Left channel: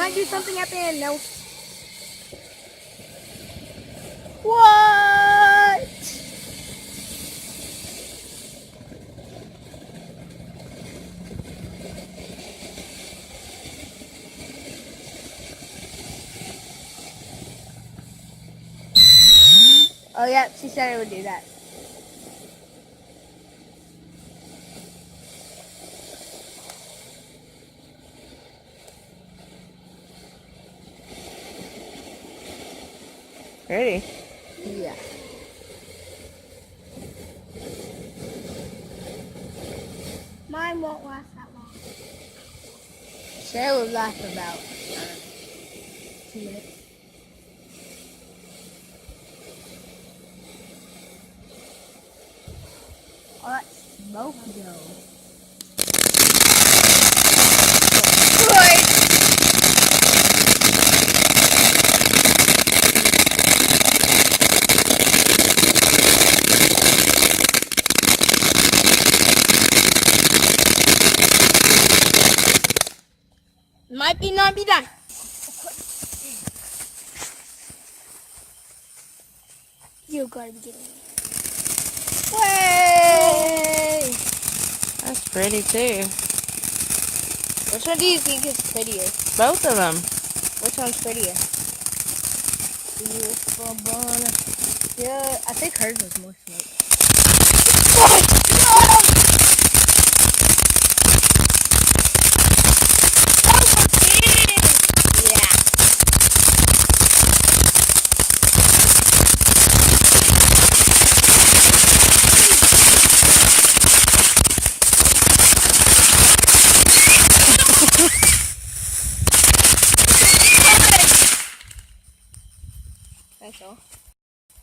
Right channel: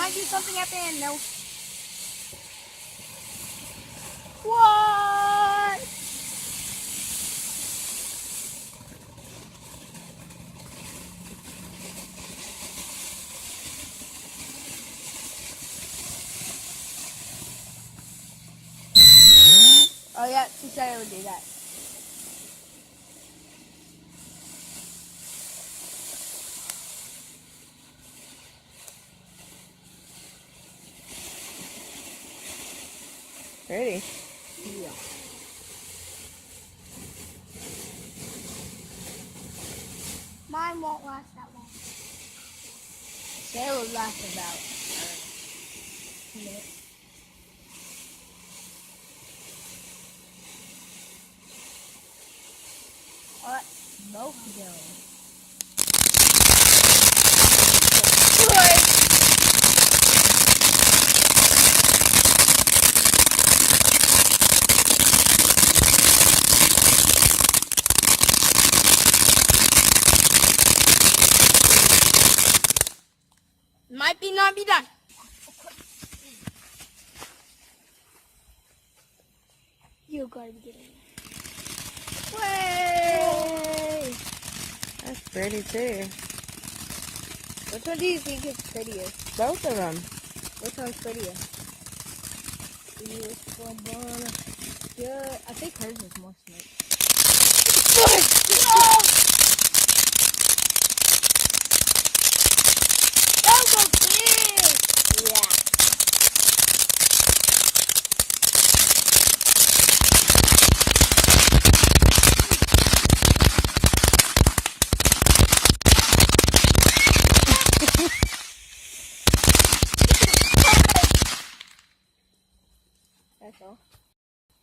might do something at the end. No. What? Oh yeah, she said it would do that. Ready? Yeah. Mine won't last that long. Say it will last about 2 minutes. Oh, that's smoky though. Might not be done. You're gonna get me. Way! That's pretty too. Which one do you think is prettier? Both of them. Which one's prettier? Yeah, I think hers is more smoke.